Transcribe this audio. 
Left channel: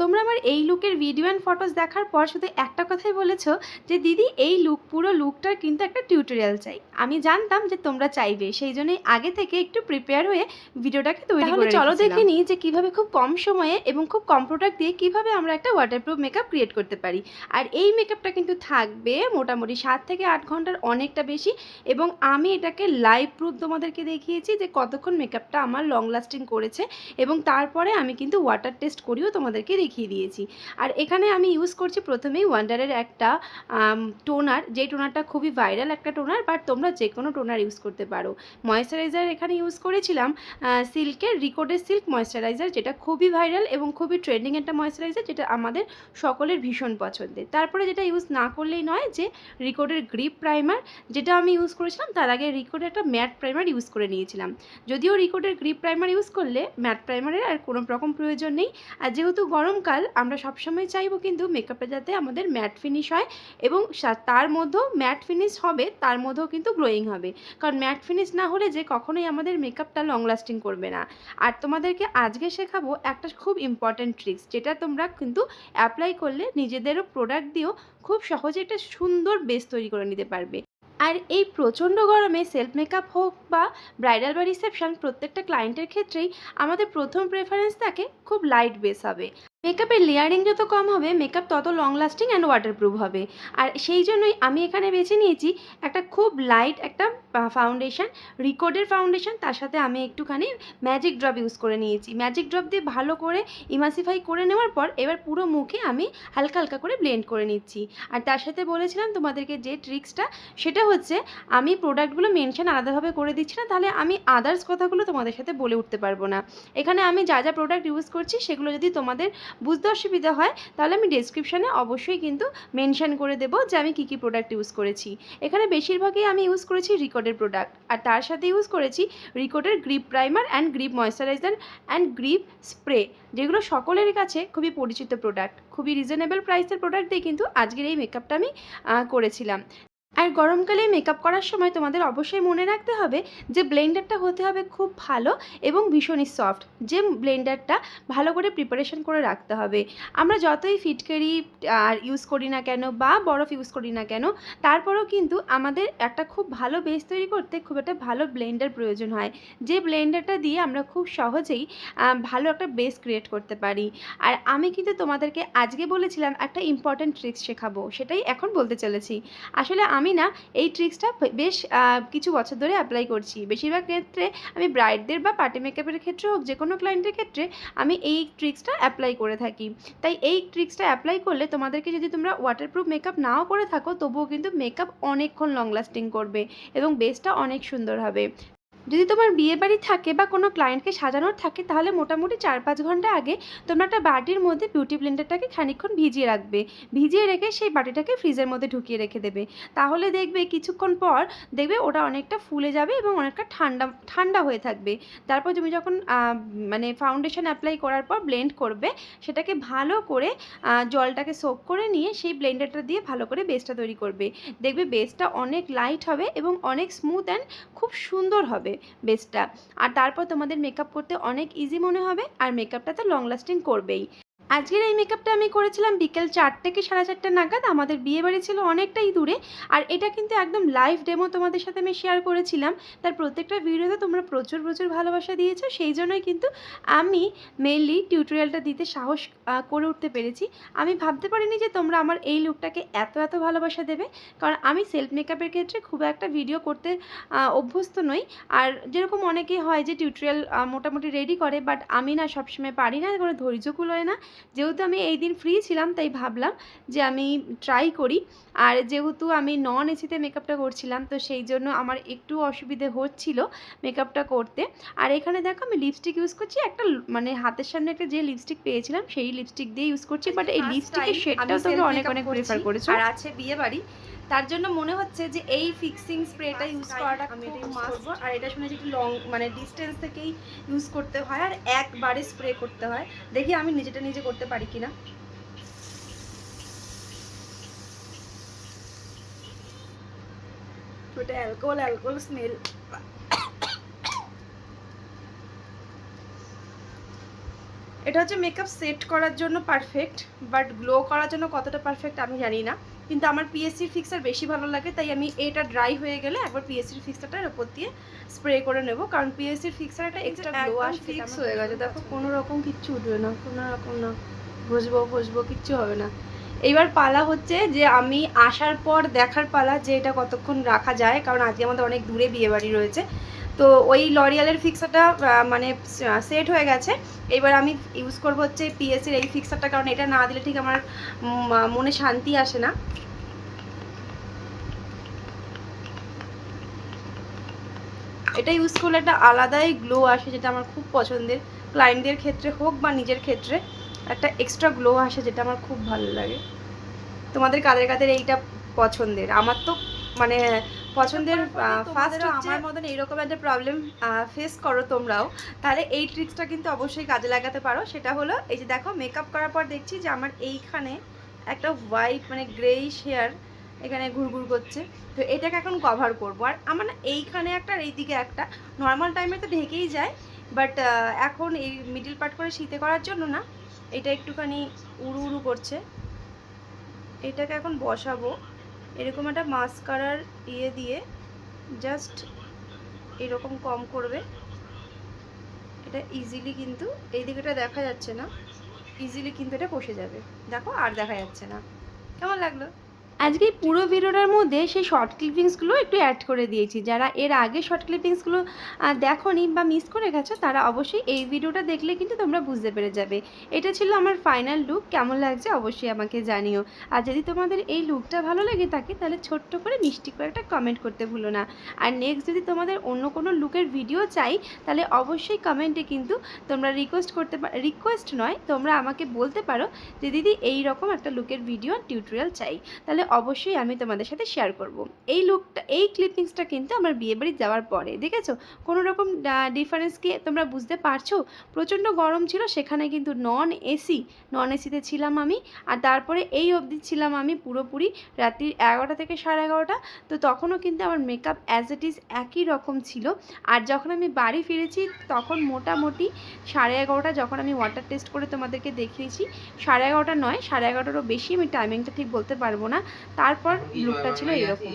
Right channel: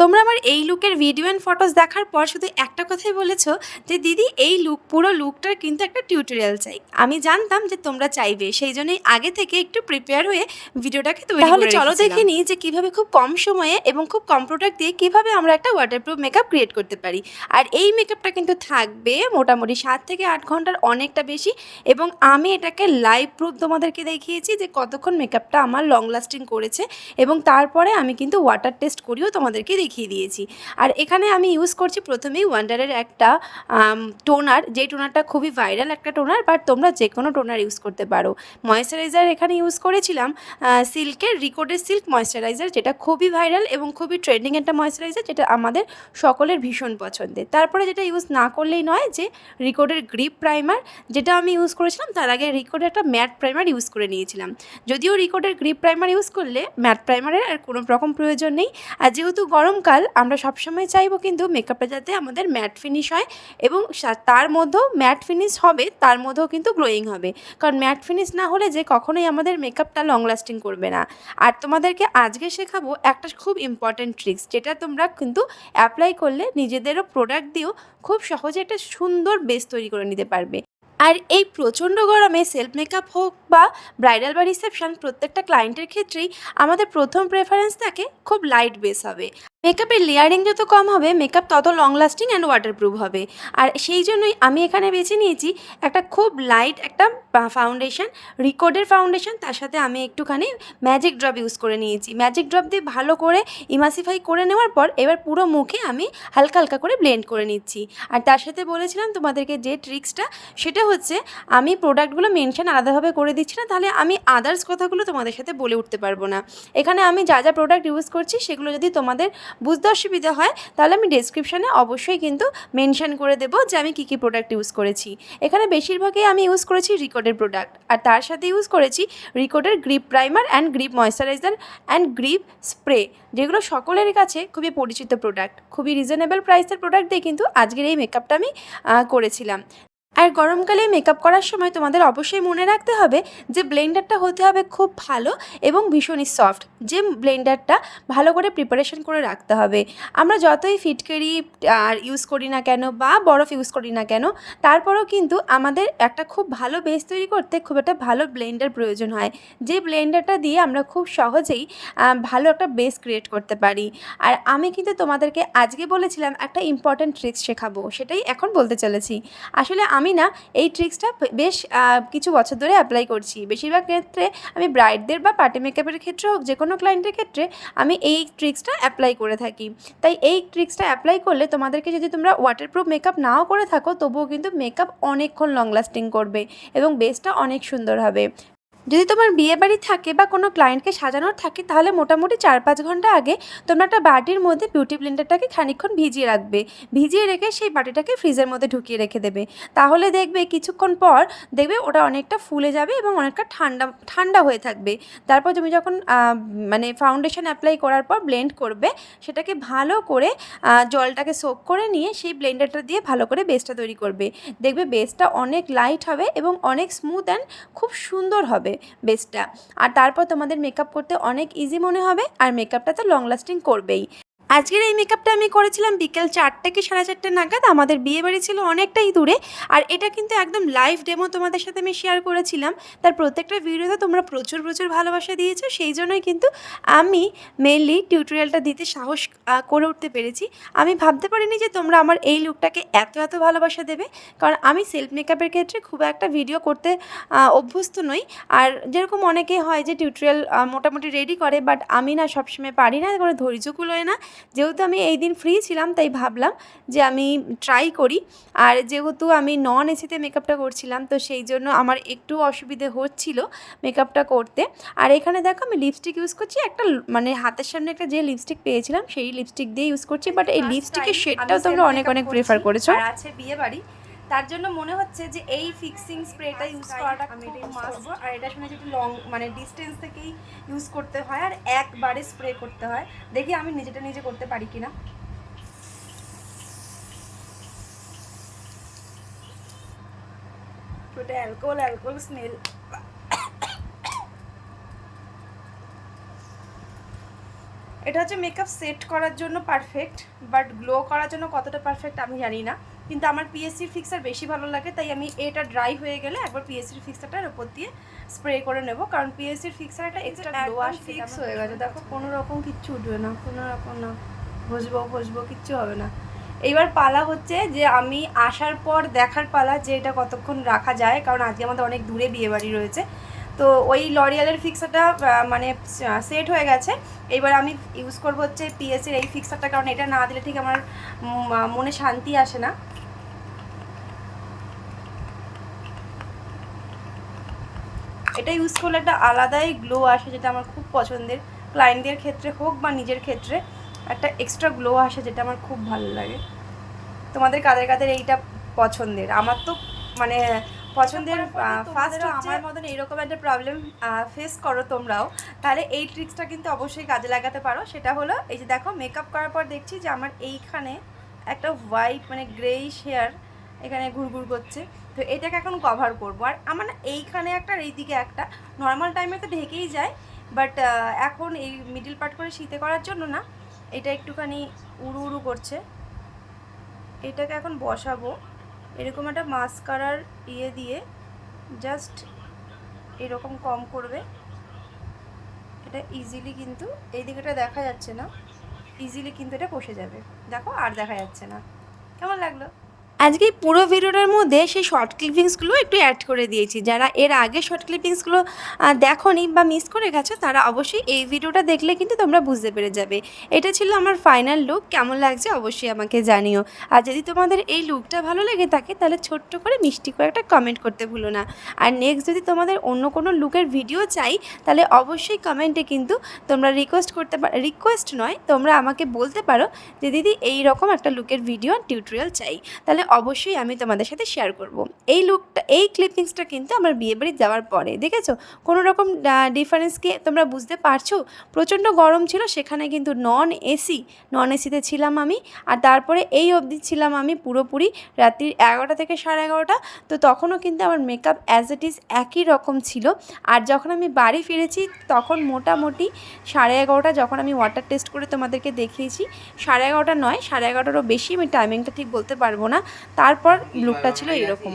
তোমরা আমার এই লুকের ভিডিও অ্যান্ড ফটোস দেখার পর শুধু একটা কথাই বলেছো যে দিদি এই পুরো লুকটার কিন্তু একটা টিউটোরিয়াল চাই। আমি জানতাম যে তোমরা চাইবে, সেই জন্যই আগে থেকে একটু প্রিপেয়ার হয়ে ভিডিওটাকে তৈরি করে রেখেছিলাম। চলো দেখে নিই যে কীভাবে খুব কম সময়ে এবং খুব কম প্রোডাক্ট দিয়ে কীভাবে আমরা একটা ওয়াটারপ্রুফ মেকআপ ক্রিয়েট করতে পারি। আর এই মেকআপটা কিন্তু থাকবে মোটামুটি 7 থেকে 8 ঘন্টার, অনেকটা বেশি। এবং আমি এটাকে লাইভ প্রুফ তোমাদেরকে দেখিয়েছি যে কতক্ষণ মেকআপটা আমার লং লাস্টিং করেছে, এবং তারপরে আমি কিন্তু ওয়াটার টেস্ট করিও তোমাদেরকে দেখিয়ে দিয়েছি। আর এখানে আমি ইউজ করছি প্রথমেই ওয়ান্ডারের একটা টোনার, যেই টোনারটা খুবই ভাইরাল একটা টোনার, বাট তোমরা যে কোনো টোনার ইউজ করতে পারো। ময়েশ্চারাইজার এখানে ইউজ করেছিলাম সিল্কের রিকোডের সিল্ক ময়েশ্চারাইজার, যেটা খুবই ভাইরাল এবং খুবই ট্রেন্ডিং একটা ময়েশ্চারাইজার, যেটা আমাদের সকলের ভীষণ পছন্দের। তারপরে যেটা ইউজ না করলেই নয়, যে রিকোডের গ্রিপ প্রাইমার, যেটা আমি ইউজ করেছিলাম। তার আগে রিকোডের একটা ম্যাট প্রাইমার ইউজ করে নিয়েছিলাম। যদিও রিকোডের গ্রিপ প্রাইমার ইউজ করলে ম্যাট প্রাইমারের আর কোনো রকম প্রয়োজন নেই। আর যেহেতু গরমকাল, আমরা সবসময় চাইবো কিন্তু মেকআপটা যাতে আমাদের ম্যাট ফিনিশ হয়, এবং তার মধ্যেও ম্যাট ফিনিশ হবে, তার মধ্যেও কিন্তু গ্লোয়িং হবে। কারণ ম্যাট ফিনিশ না হলে যে কখনোই আমাদের মেকআপটা লং লাস্টিং করবে না। আর তোমাদেরকে আজকে শেখাবো একটা খুব ইম্পর্ট্যান্ট ট্রিক্স, যেটা তোমরা কিন্তু অ্যাপ্লাই করলে নিজেদেরও প্রোডাক্ট দিয়েও খুব সহজে একটা সুন্দর বেস তৈরি করে নিতে পারবে। আর এই প্রচণ্ড গরমে সেলফ মেকআপ হোক বা ব্রাইডাল বা রিসেপশন, প্রত্যেকটা ক্লায়েন্টের ক্ষেত্রেই আমাদের প্রথম প্রেফারেন্স থাকে খুব লাইট বেস হবে। মেকআপের লেয়ারিং যত কম হবে, মেকআপ তত লং লাস্টিং অ্যান্ড ওয়াটারপ্রুফ হবে। আর সেই জন্যই আমি এখানে বেছে নিয়েছি একটা খুব লাইট একটা ফাউন্ডেশন, রিকোডের ফাউন্ডেশন। তার সাথে আমি একটুখানি ম্যাজিক ড্রপ ইউজ করে নিয়েছি। ম্যাজিক ড্রপ দিয়ে ভালো করে ইমাসিফাই করে নেওয়ার পর এবার পুরো মুখে আমি হালকা হালকা করে ব্লেন্ড করে নিচ্ছি। আর তার সাথে বলেছিলাম তোমাদেরকে যে ট্রিক্সটা, সেটা হচ্ছে আমি প্রোডাক্টগুলো মেনশন আলাদাভাবে করে দিচ্ছি না, তাহলে আমি আদার্স কথাগুলো তোমাদের সাথে বলে উঠতে পারবো না। এখানে আমি যা যা প্রোডাক্ট ইউজ করছি সেগুলো যদি তোমাদের বুঝতে অসুবিধা হয়, তাহলে আমি ডেসক্রিপশানে অবশ্যই কিন্তু মেনশন করে দেবো যে আমি কী কী প্রোডাক্ট ইউজ করেছি। এখানে বেশিরভাগই আমি ইউজ করেছি রিকোডের প্রোডাক্ট, আর তার সাথে ইউজ করেছি রিকোডের grip primer and grip moisturiser and grip spray, যেগুলো সকলের কাছে খুবই পরিচিত প্রোডাক্ট। খুবই রিজনেবল প্রাইসের প্রোডাক্ট দিয়ে কিন্তু আজকের এই মেকআপটা আমি করেছিলাম। আর গরমকালে মেকআপ করার সময় তোমাদের অবশ্যই মনে রাখতে হবে যে ব্লেন্ডারটা হতে হবে খুব ভালো এবং ভীষণই সফট, যে ব্লেন্ডারটা ভালো করে প্রিপারেশন করে রাখতে হবে। আমরা যতই ফিটকারি আর ইউজ করি না কেন বা বরফ ইউজ করি না কেন, তারপরেও কিন্তু আমাদের একটা খুব ভালো বেস তৈরি করতে খুব একটা ভালো ব্লেন্ডার প্রয়োজন হয়, যে ব্লেন্ডারটা দিয়ে আমরা খুব সহজেই ভালো একটা বেস ক্রিয়েট করতে পারি। আর আমি কিন্তু তোমাদেরকে আজকে বলেছিলাম একটা ইম্পর্ট্যান্ট ট্রিক্স শেখাবো, সেটাই এখন বলতে চলেছি। আসলে আমি না এই ট্রিক্সটা বেশ কিছু বছর ধরে অ্যাপ্লাই করছি। বেশিরভাগ ক্ষেত্রে আমি ব্রাইডদের বা পার্টি মেকআপের ক্ষেত্রে হোক, যে কোনো ক্লায়েন্টের ক্ষেত্রে আমি এই ট্রিক্সটা অ্যাপ্লাই করে থাকি। তাই এই ট্রিক্সটা অ্যাপ্লাই করলে তোমাদেরকে, যদি তোমরা ওয়াটারপ্রুফ মেকআপ নাও করে থাকো, তবুও কিন্তু মেকআপ অনেকক্ষণ লং লাস্টিং করবে এবং বেসটা অনেক সুন্দর হবে। যদি তোমার বিয়েবাড়ি থাকে বা কোনো ক্লায়েন্টকে সাজানোর থাকে, তাহলে মোটামুটি 4-5 ঘন্টা আগে তোমরা একটা বাটির মধ্যে বিউটি ব্লেন্ডারটাকে খানিকক্ষণ ভিজিয়ে রাখবে। ভিজিয়ে রেখে সেই বাটিটাকে ফ্রিজের মধ্যে ঢুকিয়ে রেখে দেবে। তাহলে দেখবে কিছুক্ষণ পর দেখবে ওটা অনেকটা ফুলে যাবে এবং অনেকটা ঠান্ডা ঠান্ডা হয়ে থাকবে। তারপর তুমি যখন মানে ফাউন্ডেশন অ্যাপ্লাই করার পর ব্লেন্ড করবে, সেটাকে ভালো করে জলটাকে সোক করে নিয়ে সেই ব্লেন্ডারটা দিয়ে ভালো করে বেসটা তৈরি করবে। দেখবে বেসটা অনেক লাইট হবে এবং অনেক স্মুথ অ্যান্ড খুব সুন্দর হবে বেসটা। আর তারপর তোমাদের মেকআপ করতে অনেক ইজি মনে হবে, আর মেকআপটা তো লং লাস্টিং করবেই। আজকের এই মেকআপটা আমি করেছিলাম বিকেল 4টা কি 4:30 নাগাদ। আমাদের বিয়েবাড়ি ছিল অনেকটাই দূরে, আর এটা কিন্তু একদম লাইভ ডেমো তোমাদের সাথে আমি শেয়ার করেছিলাম। তার প্রত্যেকটা ভিডিওতে তোমরা প্রচুর প্রচুর ভালোবাসা দিয়েছো, সেই জন্যই কিন্তু আমি মেনলি টিউটোরিয়ালটা দিতে সাহস করে উঠতে পেরেছি। আমি ভাবতে পারিনি যে তোমরা আমার এই লুকটাকে এত এত ভালোবাসা দেবে, কারণ আমি সেলফ মেকআপের ক্ষেত্রে খুব একটা ভিডিও করতে অভ্যস্ত নই। আর যেরকম অনেকে হয় যে টিউটোরিয়াল মোটামুটি রেডি করে, বাট আমি না সবসময় পারি না, কোনো ধৈর্য কুলোয় না। যেহেতু আমি এই দিন ফ্রি ছিলাম, তাই ভাবলাম যে আমি ট্রাই করি। আর যেহেতু আমি নন এসিতে মেকআপটা করছিলাম, তো সেই জন্য আমার একটু অসুবিধে হচ্ছিল মেকআপটা করতে। আর এখানে দেখো আমি লিপস্টিক ইউজ করছি, একটা মানে হাতের সামনে একটা যে লিপস্টিক পেয়েছিলাম সেই লিপস্টিক দিয়ে ইউজ করছি। বাট এই লিপস্টিকের শেডটাও তোমরা অনেক অনেক প্রেফার করেছো। আর আছে বিয়ে বাড়ি, তার জন্য মনে হচ্ছে যে এই ফিক্সিং স্প্রেটা ইউজ করাটা আমি মাস্ট। আর এটা শুনেছি একটু লং মানে ডিস্টেন্স থেকেই ইউজ করতে হয় আর একবারে স্প্রে করতে হয়। দেখি আমি নিজেটা নিজে করতে পারি কিনা। ওটা অ্যালকোহল স্মেল। এটা হচ্ছে মেকআপ সেট করার জন্য পারফেক্ট, বাট গ্লো করার জন্য কতটা পারফেক্ট আমি জানি না, কিন্তু আমার পিএসসির ফিক্সার বেশি ভালো লাগে, তাই আমি এটা ড্রাই হয়ে গেলে একবার পিএসসির ফিক্সারটার উপর দিয়ে স্প্রে করে নেব, কারণ পিএসসির ফিক্সার একটা এক্সট্রা গ্লো আসে। ফিক্স হয়ে গেছে, দেখো কোনো রকম কিচ্ছু উঠবে না, কোনো রকম না, ঘষবো কিচ্ছু হবে না। এইবার পালা হচ্ছে যে আমি আসার পর দেখার পালা যে এটা কতক্ষণ রাখা যায়, কারণ আজকে আমাদের অনেক দূরে বিয়েবাড়ি রয়েছে। তো ওই লরিয়ালের ফিক্সারটা মানে সেট হয়ে গেছে। এইবার আমি ইউজ করবো হচ্ছে পিএসসির এই ফিক্সারটা, কারণ এটা না দিলে ঠিক আমার মনে শান্তি আসে না। এটা ইউজ করলে একটা আলাদাই গ্লো আসে, যেটা আমার খুব পছন্দের, ক্লায়েন্টদের ক্ষেত্রে হোক বা নিজের ক্ষেত্রে একটা এক্সট্রা গ্লো আসে, যেটা আমার খুব ভালো লাগে। তোমাদের কাদের কাদের এইটা পছন্দের? আমার তো মানে পছন্দের ফার্স্ট আমার মতন এইরকম একটা প্রবলেম ফেস করো তোমরাও, তাহলে এই ট্রিক্সটা কিন্তু অবশ্যই কাজে লাগাতে পারো। সেটা হলো এই যে দেখো, মেকআপ করার পর দেখছি যে আমার এইখানে একটা হোয়াইট মানে গ্রেইশ হেয়ার এখানে ঘুরঘুর করছে, তো এটাকে এখন কভার করবো। আর আমার না এইখানে একটা আর এইদিকে একটা, নর্মাল টাইমে তো ঢেকেই যায়, বাট এখন এই মিডল পার্ট করে শীতে করার জন্য না এটা একটুখানি উড়ু উড়ু করছে। এটাকে এখন বসাবো এরকম একটা মাস্কারার দিয়ে, জাস্ট এরকম কম করবে। এটা ইজিলি কিন্তু এই দিকেটা দেখা যাচ্ছে না, ইজিলি কিন্তু এটা বসে যাবে। দেখো আর দেখা যাচ্ছে না। কেমন লাগলো? আজকে পুরো ভিডিওটার মধ্যে সেই শর্ট ক্লিপিংসগুলো একটু অ্যাড করে দিয়েছি। যারা এর আগে শর্ট ক্লিপিংসগুলো দেখোনি বা মিস করে গেছো, তারা অবশ্যই এই ভিডিওটা দেখলে কিন্তু তোমরা বুঝতে পেরে যাবে। এটা ছিল আমার ফাইনাল লুক। কেমন লাগছে অবশ্যই আমাকে জানিও। আর যদি তোমাদের এই লুকটা ভালো লেগে থাকে, তাহলে ছোট্ট করে মিষ্টি করে একটা কমেন্ট করতে ভুলো না। আর নেক্সট যদি তোমাদের অন্য কোনো লুকের ভিডিও চাই, তাহলে অবশ্যই কমেন্টে কিন্তু তোমরা রিকোয়েস্ট নয়, তোমরা আমাকে বলতে পারো যে দিদি এই রকম একটা লুকের ভিডিও টিউটোরিয়াল চাই, তাহলে অবশ্যই আমি তোমাদের সাথে শেয়ার করব। এই লুকটা, এই ক্লিপিংসটা কিন্তু আমার বিয়েবাড়ি যাওয়ার পরে দেখেছো, কোনো রকম ডিফারেন্সকে তোমরা বুঝতে পারছো? প্রচণ্ড গরম ছিল, সেখানে কিন্তু নন এসিতে ছিলাম আমি। আর তারপরে এই অবধি ছিলাম আমি পুরোপুরি রাত্রি 11টা থেকে 11:30। তো তখনও কিন্তু আমার মেকআপ অ্যাজ ইট ইজ একই রকম ছিল। আর যখন আমি বাড়ি ফিরেছি তখন মোটামুটি 11:30, যখন আমি ওয়াটার টেস্ট করে তোমাদেরকে দেখিয়েছি, 11:30 নয়, 11:30টারও বেশি, আমি টাইমিংটা ঠিক বলতে পারবো না। তারপর লুকটা ছিল এরকম।